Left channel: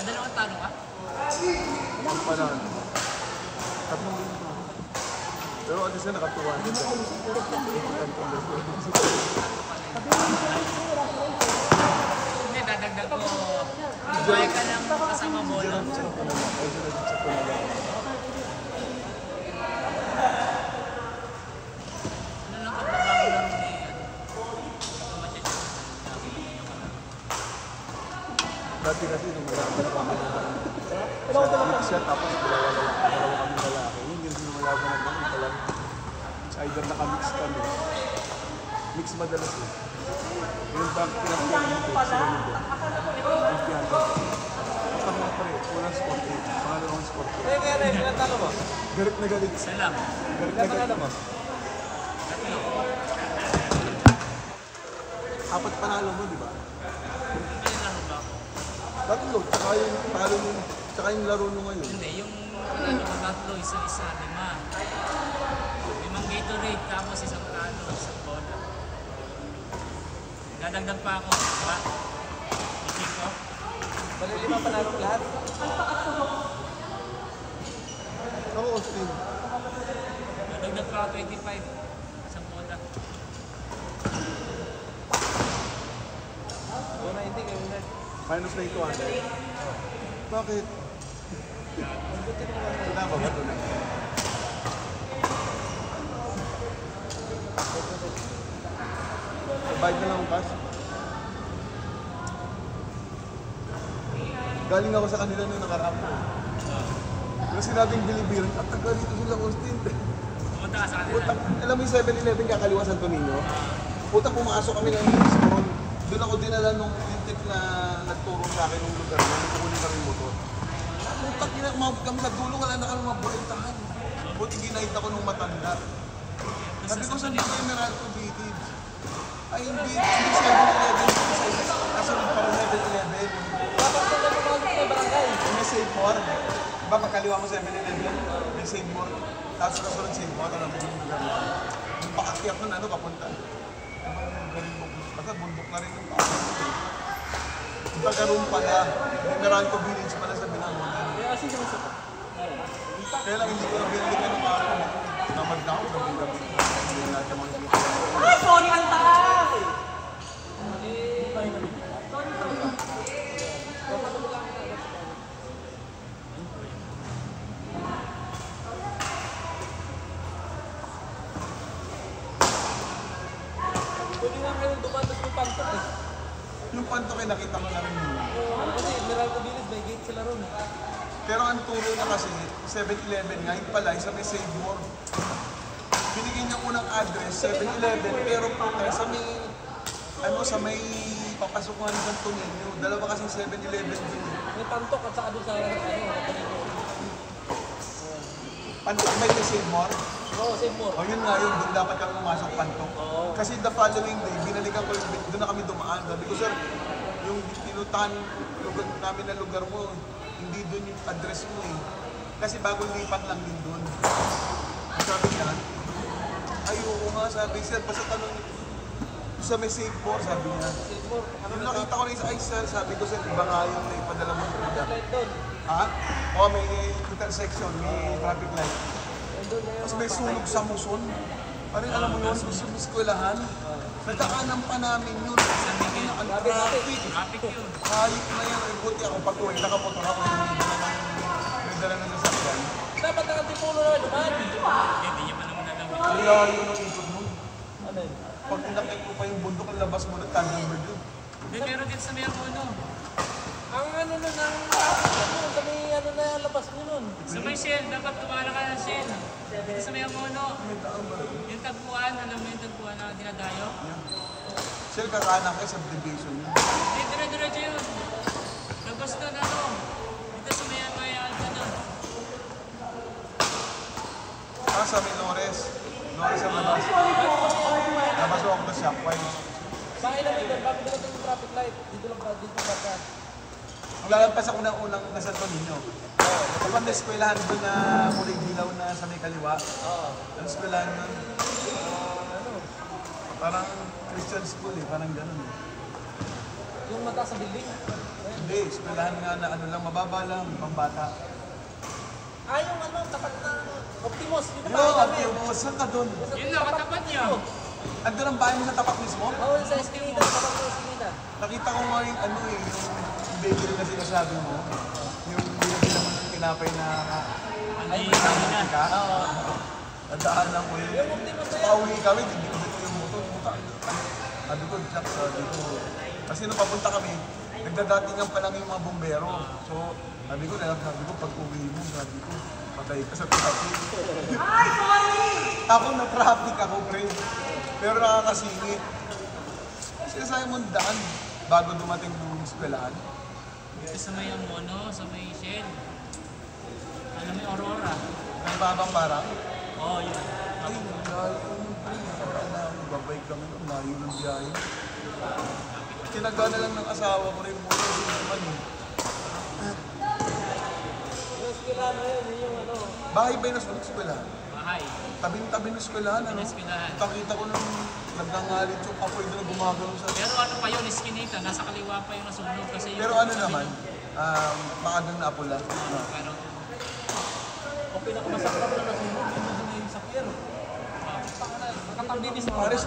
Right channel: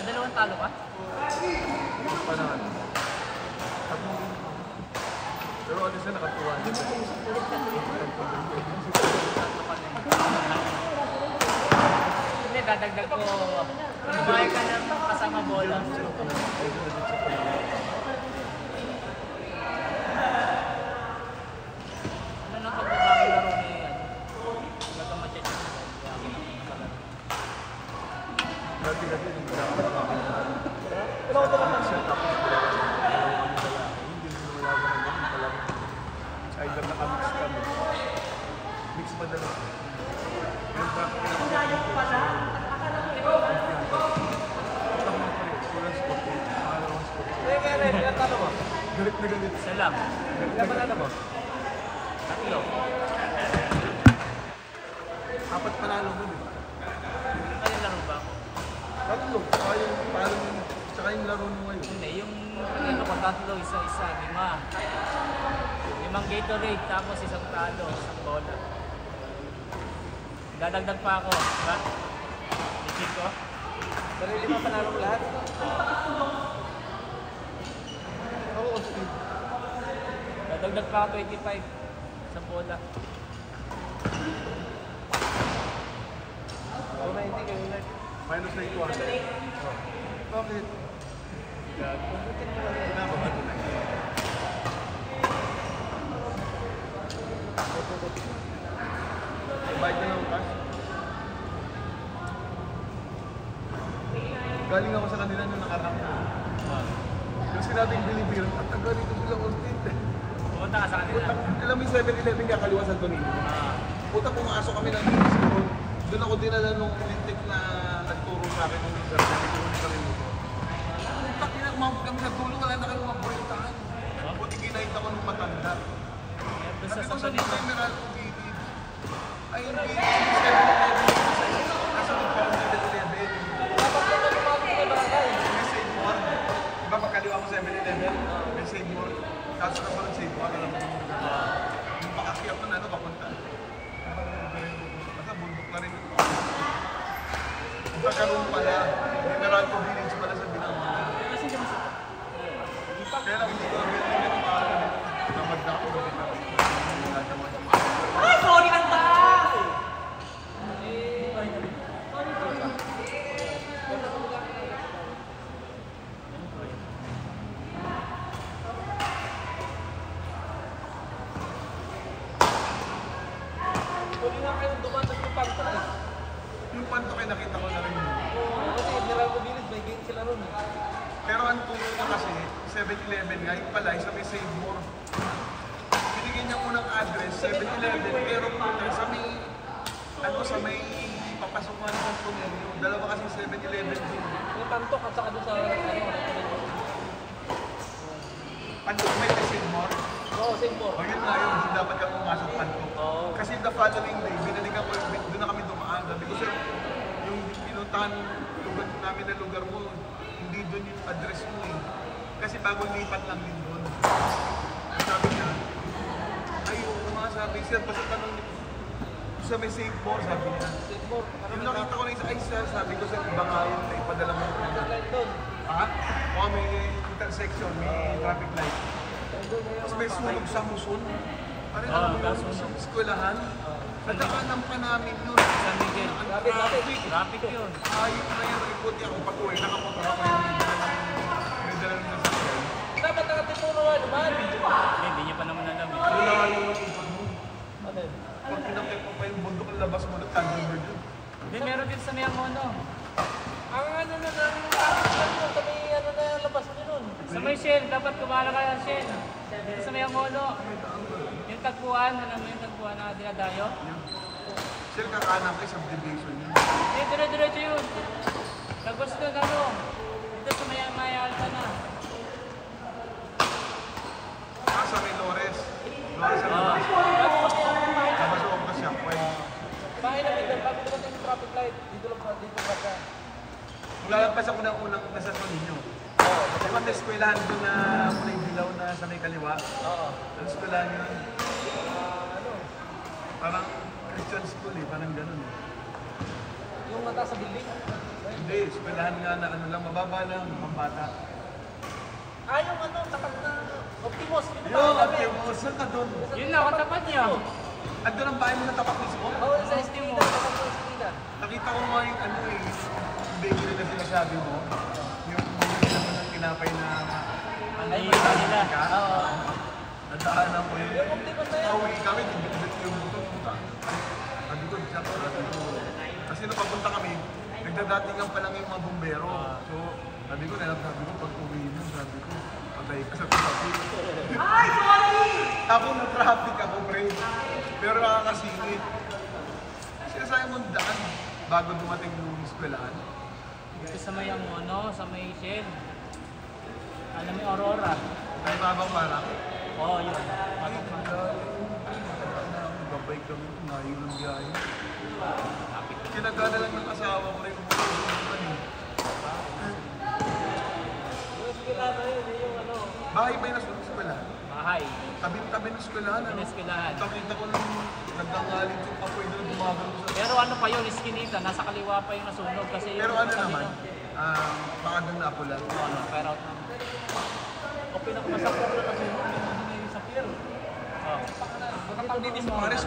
Dalawang talo ka? Pero ano siya nakatuwa? Hindi, dadagdag ko. Buhay ka ng kasama bola. Ano lang kapag bago laro mo yan? Automatic. Mix madalas. Ang ko pala. Galit na galit. Isa lang. Tatlo. Apat panalo mo, di ba? Ano laro ba ako? Tatlo. Tsaka yung laro mo ngayon. Hindi, yung panalo ko tatlo, isa-isa, 5. 5 Gatorade, tapos isang talo, isang bola. Dadagdag pa ako. Ba't? Isip ko? Oo, okay. Dadagdag pa ako 25. Isang bola. Minus 91. Bakit? Galing ako sa kanila yung nakaraan. Yung sinabing bilibir, ang galing ko bilang Austin. Pumunta ka sa kanila. Alam mo yung 7-Eleven kakaliwa Santo Niño? Puta, pumasok kami ng siguro. Doon ako dinala nung tip na nagturo sa akin ng lugar na hindi ko ulit ang motor. Puta, umabot kami sa dulo, wala na kami mga buweltahan. Buti ginahit ako nung matanda. Sabi ko sa mga Meralco Native, ay hindi 7-Eleven. Kasunod pa ako 7-Eleven. May save more. Diba pagkaliwa mo 7-Eleven, may save more. Tapos kasunod save more, alam mo yung lugar na. Yung pakakyat na ano, papunta. Basta bundok na rin yung taga-room pala. Meralco Village pala sa Binangonan. Kaya lang hindi ko na building ng mga namad na ako sa biglang. Ay, sorry, ang taas! Yung panto kayo nakita ko na rin yun. Pero ang turo na kasi, 7-Eleven ngayon pala, isa may save more. Binigyan niya unang address, 7-Eleven, pero sa may, ano, sa may papasok nga ng Santo Niño, dalawa kasi 7-Eleven doon. May kantok at saka doon sa Pantok may kasi more. Oo, same mo. O yun nga yun, doon dapat kami pumasok Pantok. Kasi the following day, binalikan ko yung doon na kami dumaan. Sabi ko, sir, yung pinuntahan lugar namin na lugar mo, hindi doon yung address mo eh. Kasi bagong lipat lang din doon. Sabi niya, ay oo nga, sabi, sir, basta tanong isa may safe more, sabi niya. Yung nakita ko na isa, ay sir, sabi ko, sir, iba nga yung ipadala mo yung lugar. Ha? O may intersection, may traffic light. Tapos may sunog sa Muson. Parang alam mo yun, sa eskwelahan. Nadaanan pa namin yun. Sa Miguel. Ang traffic. Traffic yun. Ayok na yun. Ay, buti ako pag-uwi. Nakapoto ako. May dalang yung sasakyan. Dapat nakatipuno nga, dumaan. Hindi niya pa naman alam. Wala yung ikot mo. Pag pinakit mo pa yung bundok, ang labas mo na Thunderbird yun. Hindi, meron din sa Mayangono. Ang ano nun, sabi ano na yung labas mo nun. Sa may Shell, dapat kumala ka ng Shell. Dito sa Mayangono. Yung tagpuan, alam mo yung tagpuan na dinadayo? Sir, kakanan kayo subdivision yun. Hindi, dire-diretso yun. Tapos doon, ano, dito sa Maya Alta na. Ah, sa may Lores. Lores ang labas. Labas ako na shopwise. Sa akin na dito, yung traffic light. Dito ba? Maglalagpas ako ng unang nasa ninyo. Di ba may eskwelahan doon na muling dilaw na sa may kaliwa? Ang eskwelahan yun. Parang Christian school eh, parang ganun eh. Yung mata sa building. Hindi, eskwelahan nga na ano lang, mababa lang, pambata. Yung ano, tapat na. Optimus. Yo, Optimus, saan ka doon? Yun lang, katapat niya. Andun ang bahay mo sa tapat mismo? Oo, sa Optimus. Nakita ko nga yung ano eh, yung bakery na sinasabi mo. Yung naman ng tinapay na Hindi nila. nadaanan ko yun. Pauwi kami, hindi ko dito yung motor. Sabi ko, Jack, sabi ko. Kasi nung papunta kami, nagdadatingan pa lang yung mga bumbero. So, sabi ko, pag uwi mo, sabi ko, patay ka sa traffic. Ay, sorry! Ako na traffic ako, pre. Pero nakakasingit. Sinasabi mo daan bago dumating yung eskwelahan. Dito sa Mayangono, sa may Shell. Alam mo yung Aurora? Ang babang barang. Oo, yun. Ay, babay kami, layo ng biyahe. Tinaga na lang ng asawa ko rin. Naman eh. Bahay ba yung nasunog sa eskwelahan? Bahay. Tabi-tabi ng eskwelahan, ano? Eskwelahan. Nakita ko nang nagdangalit yung apoy na gumagano sa... Pero ano pa yun, iskinita, nasa kaliwa pa yung nasunog kasi yung... Pero ano naman, maagang naapula. Ano, pero... Okay na kung sa pier. Oh. Magkakabibis sa Pares,